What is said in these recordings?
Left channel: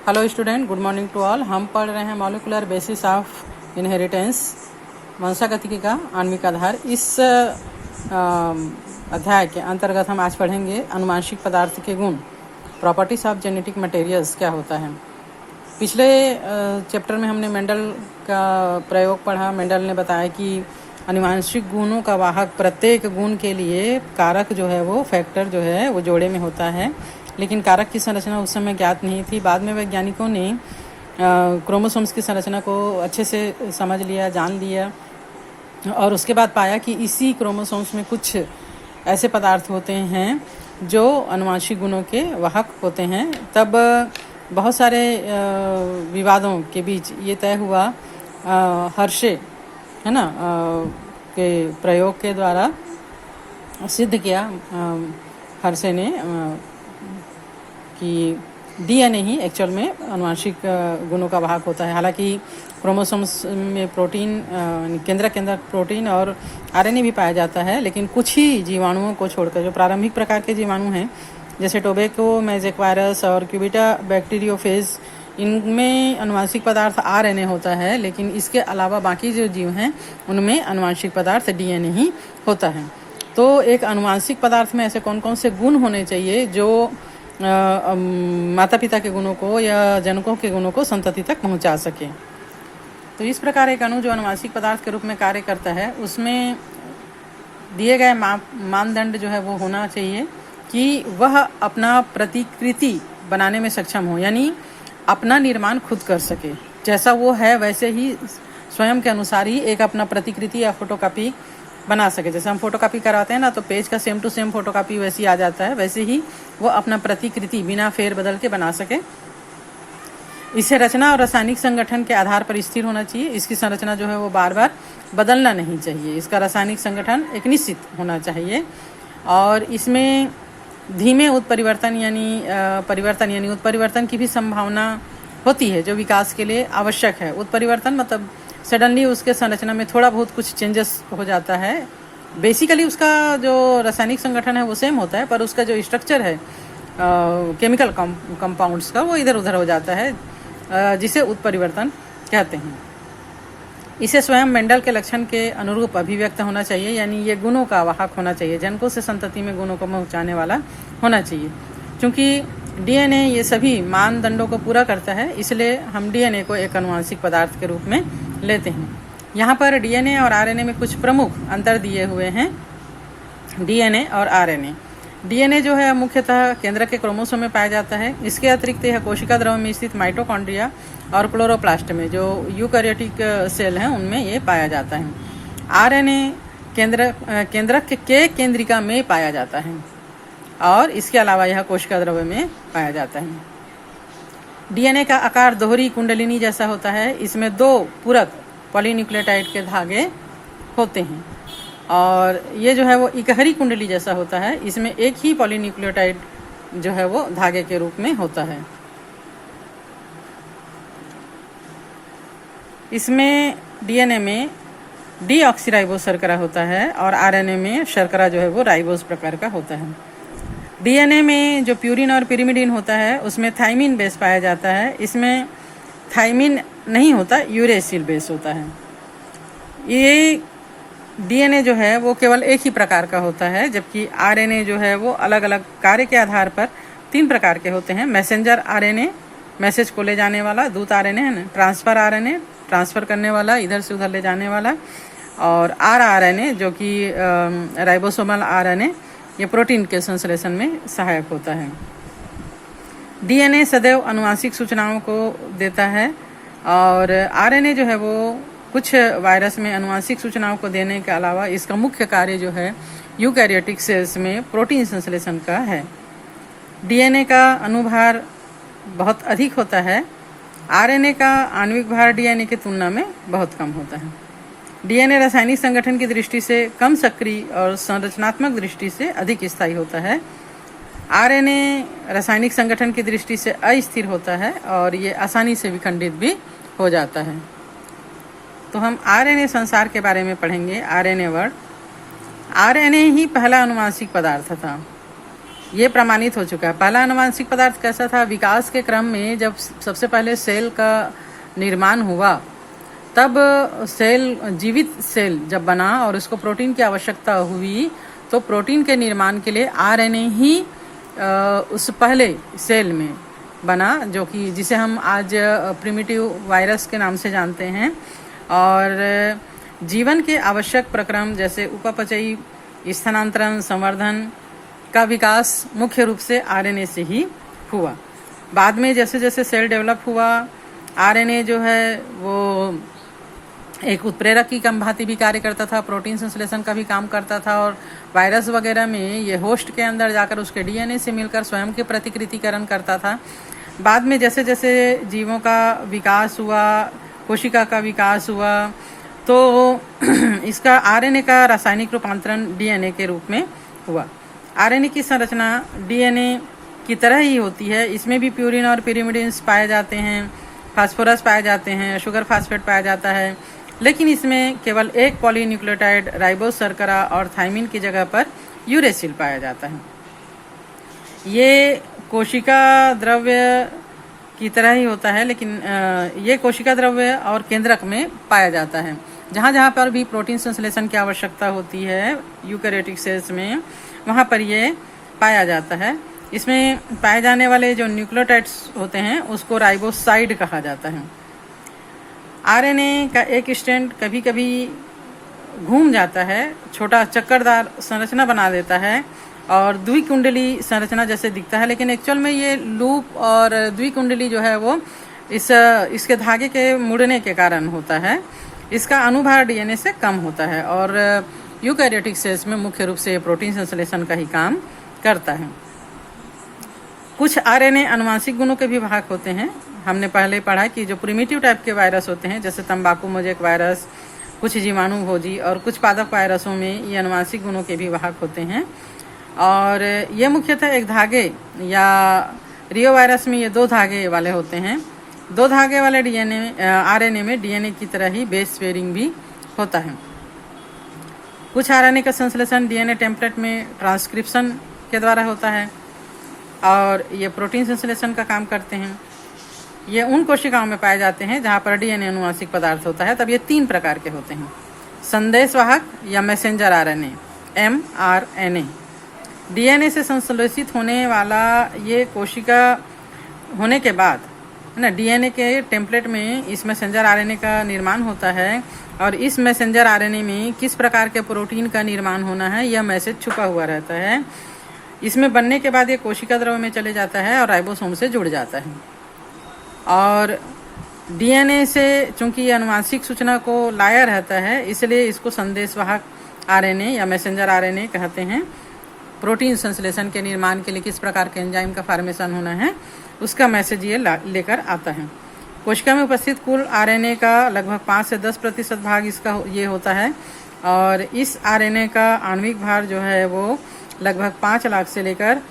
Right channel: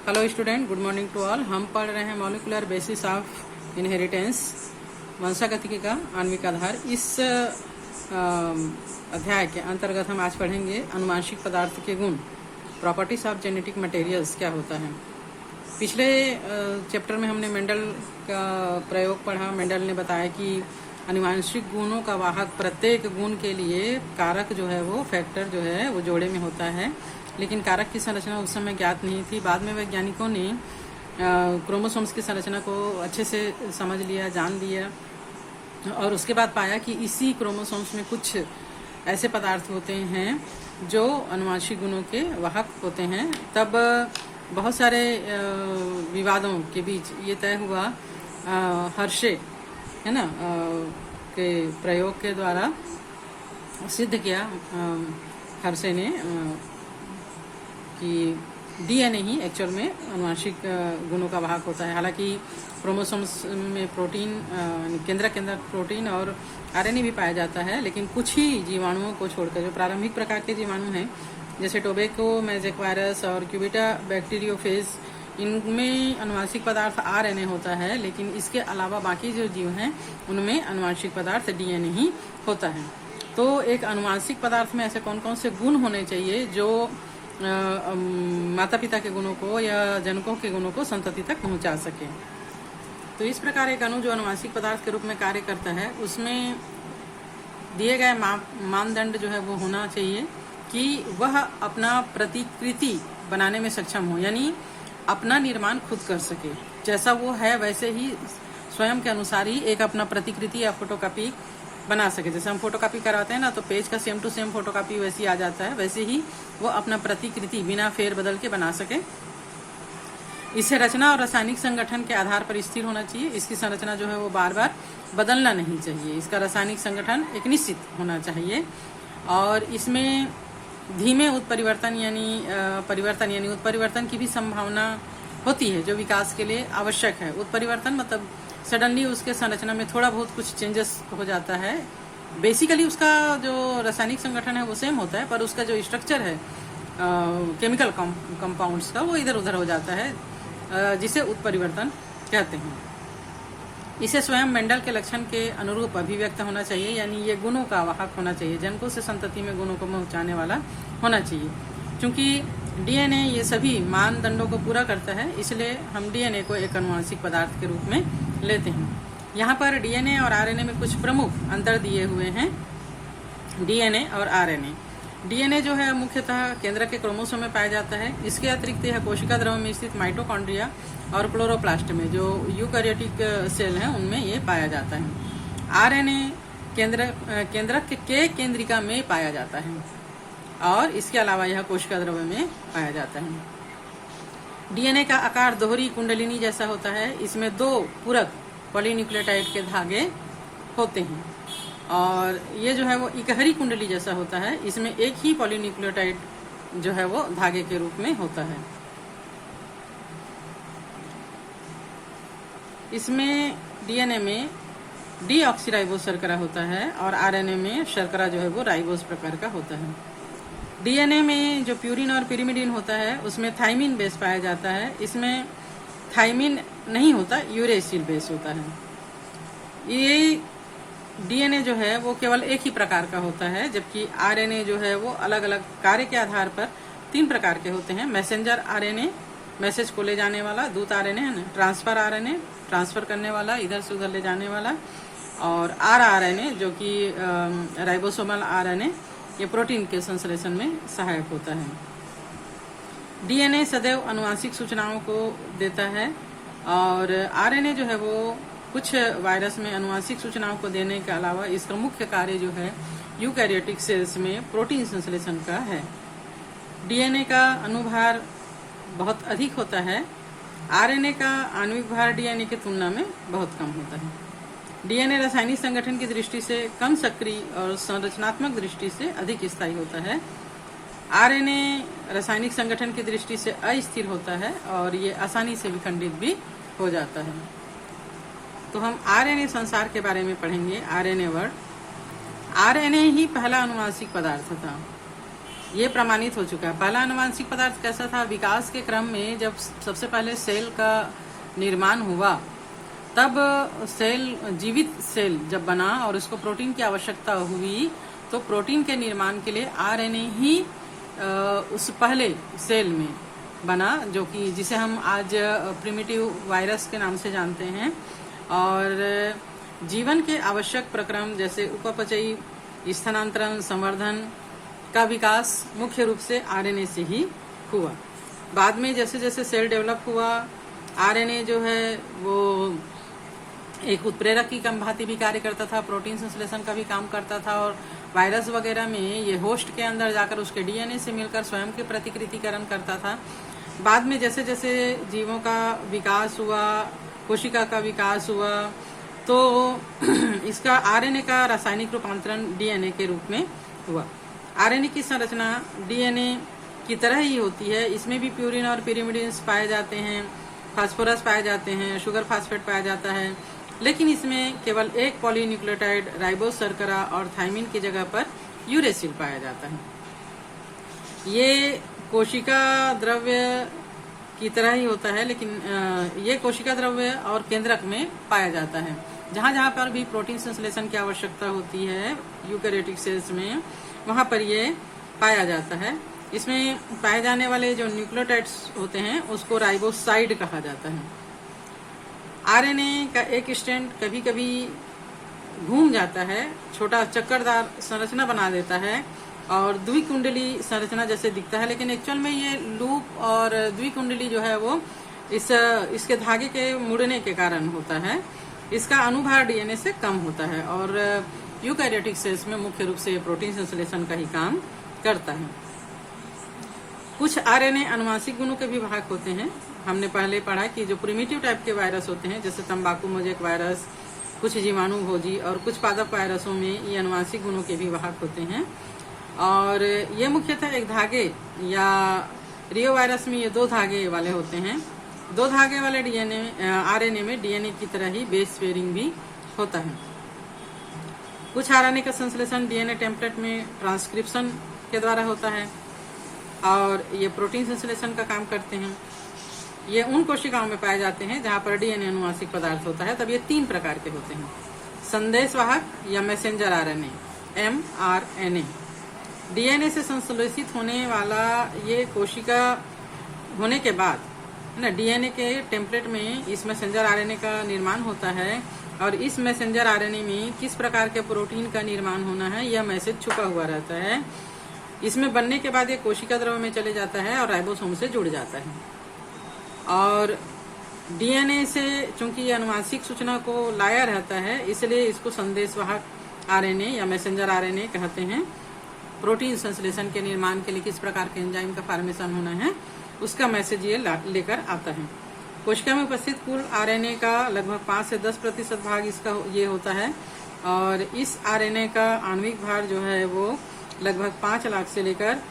Hello student, good morning to all. हम पढ़ रहे हैं मॉलिकुलर बेसिस ऑफ इनहेरिटेंस, वंशागतिकी का आणविक आधार। इस अध्याय के अंतर्गत हम आज पढ़ेंगे अनुवांशिक पदार्थ के गुण, प्रॉपर्टीज ऑफ जेनेटिक मटेरियल्स क्या होता है। पिछले चैप्टर में हमने मेंडल का प्रयोग पढ़ा। मेंडल ने बताया कि अनुवांशिक गुणों का वाहक प्रत्येक गुण के लिए कारक जो है वो फैक्टर जो है वो जोड़े में होता है, लेकिन कारक की संरचना उस समय ज्ञात नहीं थी। बाद में वैज्ञानिकों ने क्रोमोसोम्स की संरचना को अच्छे से समझ लिया, जान लिया, और उसके बाद पाया कि इसी क्रोमोसोम्स में कुछ ऐसे पदार्थ होते हैं जो अनुवांशिक गुणों के वाहक होते हैं। तब बहुत सारे विवादों के बीच ये तय हुआ, हर्शे है ना के प्रयोग के द्वारा सिद्ध किया हर्शे ने कि डीएनए ही एक्चुअल में अनुवांशिक गुणों का वाहक होता है। हालांकि क्रोमोसोम्स में प्रोटीन, केंद्रक के अंदर प्रोटीन और आरएनए भी पाया जाता है, लेकिन कुछ ही जीवाणुओं को छोड़कर जो प्रारंभिक प्रकार के जीवाणु हैं, जैसे टोबैको मैजिक वायरस और क्यूबिटा बैक्टीरियोफेज, इनमें अनुवांशिक पदार्थ आरएनए होता है, लेकिन इसके अलावा बाकी जो जीव हैं उनमें अनुवांशिक पदार्थ डीएनए ही होता है। तो एक अनुवांशिक पदार्थ में ऐसे कौन कौन से गुण होने चाहिए जो माता पिता के गुणों को या जनकों के गुणों को संतति तक पहुंचा सके। तो इस प्रकार एक अणु जो अनुवांशिक पदार्थ के रूप में कार्य करता है, उसमें दिए गए मानदंड जो है वो होना चाहिए कि वह अपना प्रतिकृति बनाने में सक्षम हो, यानी अपना निर्माण खुद कर सके। जैसा वो है वैसे ही स्वयं के अनुसार ही एक अपना प्रतिकृति या फोटोकॉपी बना सके। जैसे हम फोटोकॉपी कराते हैं ना, तो पेज का सेम टू सेम फोटोकॉपी वैसी आ जाता है, वैसे ही वो अपना प्रतिकृति बिना फेर बदल के बना सके। इसे रचना और रासायनिक संगठन के आधार पर स्थिर होना चाहिए। इसकी संरचना जो है वो बार बार बदलना नहीं चाहिए। इसका रासायनिक संगठन एक निश्चित होना चाहिए, और इसमें धीमे उत्परिवर्तन यानी उत्परिवर्तन की भी संभावना होती है, जो विकास के लिए आवश्यक है। उत्परिवर्तन मतलब सडनली उसके संरचना में थोड़ा बहुत कुछ चेंजेस हो जाता है। बेसिकली उसका जो रासायनिक संगठन है वो सेम होता है, पर उसका जो स्ट्रक्चर है केमिकल कंपाउंड्स का, वो इधर उधर हो जाता है, जिसे उत्परिवर्तन कहते हैं। इसे स्वयं मेंडल के लक्षण के अनुरूप अभिव्यक्त होना चाहिए, यानी ये गुणों का वाहक होना चाहिए, जनकों से संतति में गुणों को पहुंचाने वाला होना चाहिए। क्योंकि डीएनए ये सभी मानदंडों को पूरा करता है, इसलिए हम डीएनए को एक अनुवांशिक पदार्थ के रूप में लेते हैं। यहाँ पर डीएनए और आरएनए में कुछ प्रमुख अंतर दिए हुए हैं। डीएनए और आरएनए। डीएनए जो है मुख्यतः केंद्रक के क्रोमोसोम में पाया जाता है। इसके अतिरिक्त यह कोशिका द्रव में स्थित माइटोकॉन्ड्रिया और क्लोरोप्लास्ट में, जो यूकैरियोटिक सेल हैं, उनमें ये पाया जाता है। आरएनए केंद्रक के केंद्रिका में पाया जाता है, और इसके अलावा यह कोशिका द्रव्य में पाया जाता है। डीएनए का आकार दोहरी कुंडलिनी जैसा होता है। इसमें दो पूरक पॉलीन्यूक्लियोटाइड के धागे होते हैं, और ये जो है वो इकहरी कुंडली जैसा होता है। इसमें एक ही पॉलीन्यूक्लियोटाइड जो है वो धागे के रूप में होता है। इसमें डीएनए में डीऑक्सीराइबोस शर्करा होता है, और आरएनए में शर्करा जो है वो राइबोस प्रकार का होता है। डीएनए में जो प्यूरिन और पिरिमिडिन होता है, उसमें थाइमिन बेस पाया जाता है। इसमें थाइमिन नहीं होता, यूरेसिल बेस होता है। ये डीएनए जो है वो केवल एक ही प्रकार का होता है, जबकि आरएनए जो है वो अलग अलग कार्य के आधार पर 3 प्रकार के होते हैं। मैसेंजर आरएनए, मैसेज को ले जाने वाला, दूत आरएनए है ना, ट्रांसफर आरएनए, ट्रांसफर करने वाला, इधर से उधर ले जाने वाला, और आरएनए जो कि राइबोसोमल आरएनए, ये प्रोटीन के संश्लेषण में सहायक होता है। डीएनए सदैव अनुवांशिक सूचनाओं को देता है, और आरएनए जो है वो कुछ वायरस में अनुवांशिक सूचनाओं को देने के अलावा इसका मुख्य कार्य जो है यूकैरियोटिक सेल्स में प्रोटीन संश्लेषण का है। डीएनए का अनुभार बहुत अधिक होता है। आरएनए का आणविक भार डीएनए की तुलना में बहुत कम होता है। डीएनए रासायनिक संगठन की दृष्टि से कम सक्रिय और संरचनात्मक दृष्टि से अधिक स्थायी होता है। आरएनए रासायनिक संगठन की दृष्टि से अस्थिर होता है, और ये आसानी से विखंडित भी हो जाता है। तो हम आरएनए संसार के बारे में पढ़ेंगे। RNA word. आरएनए ही पहला अनुवांशिक पदार्थ था। ये प्रमाणित हो चुका है। पहला आनुवांशिक पदार्थ कैसा था? विकास के क्रम में जब सबसे पहले सेल का निर्माण हुआ, तब सेल, जीवित सेल जब बना और उसको प्रोटीन की आवश्यकता हुई, तो प्रोटीन के निर्माण के लिए आरएनए ही उस पहले सेल में बना, जो कि जिसे हम आज प्रिमिटिव वायरस के नाम से जानते हैं। और जीवन के आवश्यक प्रक्रम जैसे उपापचयी, स्थानांतरण, संवर्धन का विकास मुख्य रूप से आरएनए से ही हुआ। बाद में जैसे जैसे सेल डेवलप हुआ, आरएनए जो है वो एक उत्प्रेरक की भांति भी कार्य करता था, प्रोटीन संश्लेषण का भी काम करता था, और वायरस वगैरह में ये होस्ट के अंदर जाकर उसके डीएनए से मिलकर स्वयं के प्रतिकृतिकरण करता था। बाद में जैसे जैसे जीवों का विकास हुआ, कोशिका का विकास हुआ, तो इसका आरएनए का रासायनिक रूपांतरण डीएनए के रूप में हुआ। आरएनए की संरचना डीएनए की तरह ही होती है। इसमें भी प्यूरिन और पिरिमिडिन्स पाए जाते हैं, फास्फोरस पाए जाते हैं, शुगर फास्फेट पाया जाता है, लेकिन इसमें केवल एक पॉलीन्यूक्लियोटाइड राइबोस शर्करा और थाइमिन की जगह पर यूरेसिल पाया जाता है। ये कोशिका द्रव्य की तरह ही होता है, लेकिन ये कोशिका द्रव्य और केंद्रक में पाया जाता है। जहां जहां पर भी प्रोटीन संश्लेषण की आवश्यकता होती है यूकैरियोटिक सेल्स में, वहां पर ये पाया जाता है। इसमें पाए जाने वाले जो न्यूक्लियोटाइड्स होते हैं उसको राइबोसाइड कहा जाता है। आरएनए का एक स्ट्रैंड कभी कभी घूम जाता है, छोटा चक्करदार संरचना बना देता है और द्विकुंडली संरचना जैसे दिखता है, लेकिन एक्चुअल में ये लूप और द्विकुंडली जो है वो इसके धागे के मुड़ने के कारण होता है। इसका अनुभार डीएनए से कम होता है और यूकैरियोटिक सेल्स में मुख्य रूप से प्रोटीन संश्लेषण का ही काम करता है। कुछ आरएनए आनुवांशिक गुणों के भी भाग होते हैं। हमने पहले पढ़ा कि जो प्रिमिटिव टाइप के वायरस होते हैं, जैसे तंबाकू मोजेक वायरस, कुछ जीवाणु भोजी और कुछ पादप वायरसों में ये आनुवांशिक गुणों के भी भाग होते हैं। और ये मुख्यतः एक धागे या रियो वायरस में ये 2 धागे वाले होते हैं। 2 धागे वाले आरएनए में डीएनए की तरह ही बेस पेयरिंग भी होता है। कुछ आरएनए का संश्लेषण डीएनए टेम्पलेट में ट्रांसक्रिप्शन के द्वारा होता है और ये प्रोटीन संश्लेषण का काम करते हैं। ये उन कोशिकाओं में पाए जाते हैं जहां पर डीएनए अनुवांशिक पदार्थ होता है। तब ये 3 प्रकार के होते हैं: संदेशवाहक या मैसेंजर आरएनए, एमआरएनए। डीएनए से संश्लेषित होने वाला ये कोशिका होने के बाद है ना, डीएनए के टेम्पलेट में इस मैसेंजर आरएनए का निर्माण होता है और इस मैसेंजर आरएनए में किस प्रकार के प्रोटीन का निर्माण होना है यह मैसेज छुपा हुआ रहता है। इसमें बनने के बाद ये कोशिका द्रव्य में चले जाता है और राइबोसोम से जुड़ जाता है। और डीएनए से चूंकि ये आनुवांशिक सूचना को लाया रहता है, इसलिए इसको संदेशवाहक आरएनए या मैसेंजर आरएनए कहते हैं। प्रोटीन संश्लेषण के निर्माण के लिए किस प्रकार के एंजाइम का फॉर्मेशन होना है उसका मैसेज ये लेकर आता है। कोशिका में उपस्थित कुल आरएनए का लगभग 5 से 10% भाग इसका ये होता है और इस आरएनए का आणविक भार जो है वो लगभग 5 लाख से लेकर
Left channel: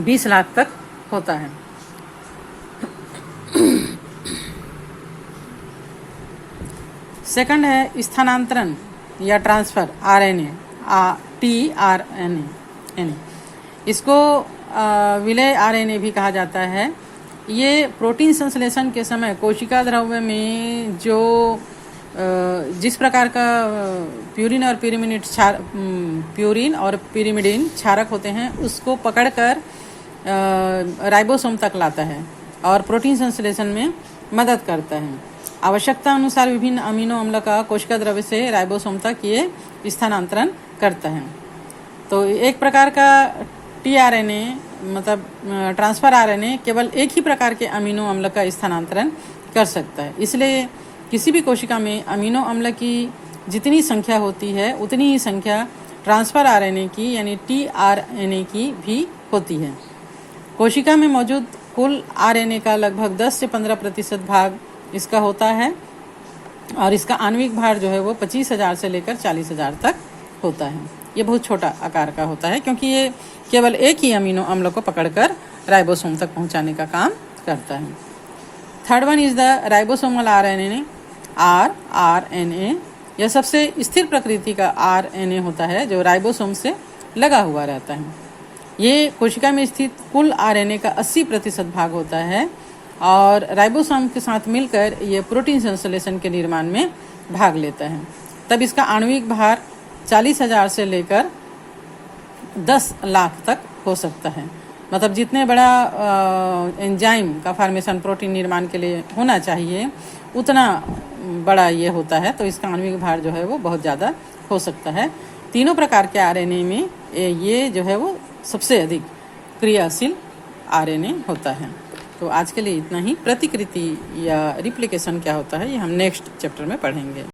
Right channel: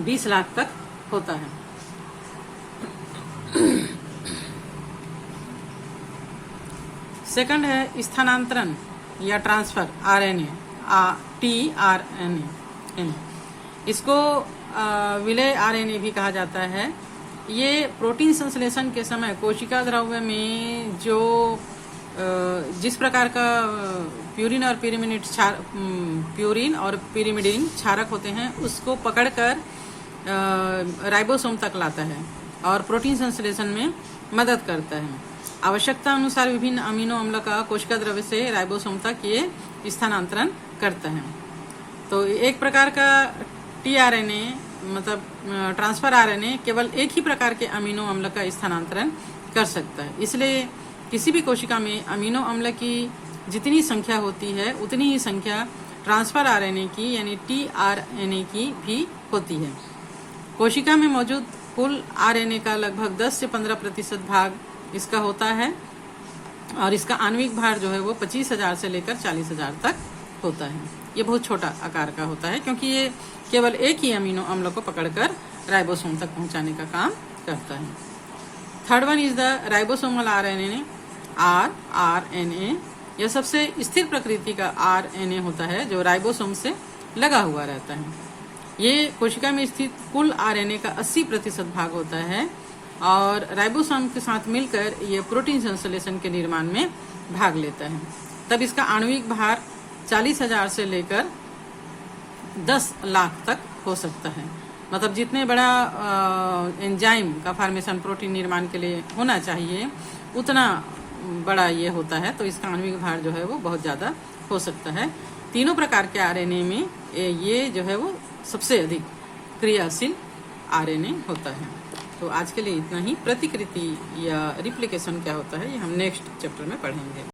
20 लाख तक होता है। सेकंड है स्थानांतरण या ट्रांसफर आरएनए, टीआरएनए। इसको विलय आरएनए भी कहा जाता है। ये प्रोटीन संश्लेषण के समय कोशिका द्रव्य में जो जिस प्रकार का प्यूरिन और पिरिमिडिन क्षारक होते हैं उसको पकड़कर राइबोसोम तक लाता है और प्रोटीन संश्लेषण में मदद करता है। आवश्यकता अनुसार विभिन्न अमीनो अम्ल का कोशिका द्रव्य से राइबोसोम तक ये स्थानांतरण करता है। तो एक प्रकार का टीआरएनए मतलब ट्रांसफर आरएनए केवल एक ही प्रकार के अमीनो अम्ल का स्थानांतरण कर सकता है। इसलिए किसी भी कोशिका में अमीनो अम्ल की जितनी संख्या होती है उतनी ही संख्या ट्रांसफर आरएनए की यानी टीआरएनए की भी होती है। कोशिका में मौजूद कुल आरएनए का लगभग 10 से 15% भाग इसका होता है और इसका आणविक भार जो है वो 25,000 से लेकर 40,000 तक होता है। ये बहुत छोटा आकार का होता है क्योंकि ये केवल एक ही अमीनो अम्ल को पकड़कर राइबोसोम तक पहुंचाने का काम करता है। Third one is the ribosomal RNA, RNA. यह सबसे स्थिर प्रकृति का आरएनए होता है जो राइबोसोम से लगा हुआ रहता है। ये कोशिका में स्थित कुल आरएनए का 80% भाग होता है और राइबोसोम के साथ मिलकर ये प्रोटीन संश्लेषण के निर्माण में भाग लेता है। तब इसका आणविक भार 40,000 से लेकर 10 लाख तक हो सकता है। मतलब जितने बड़ा एंजाइम का फॉर्मेशन प्रोटीन निर्माण के लिए होना चाहिए उतना बड़ा ये होता है, तो इसका आणविक भार जो है वो बहुत ज़्यादा हो सकता है। तीनों प्रकार के आरएनए में ये जो है वो सबसे अधिक क्रियाशील आरएनए होता है। तो आज के लिए इतना ही। प्रतिकृति या रिप्लिकेशन क्या होता है ये हम नेक्स्ट चैप्टर में पढ़ेंगे।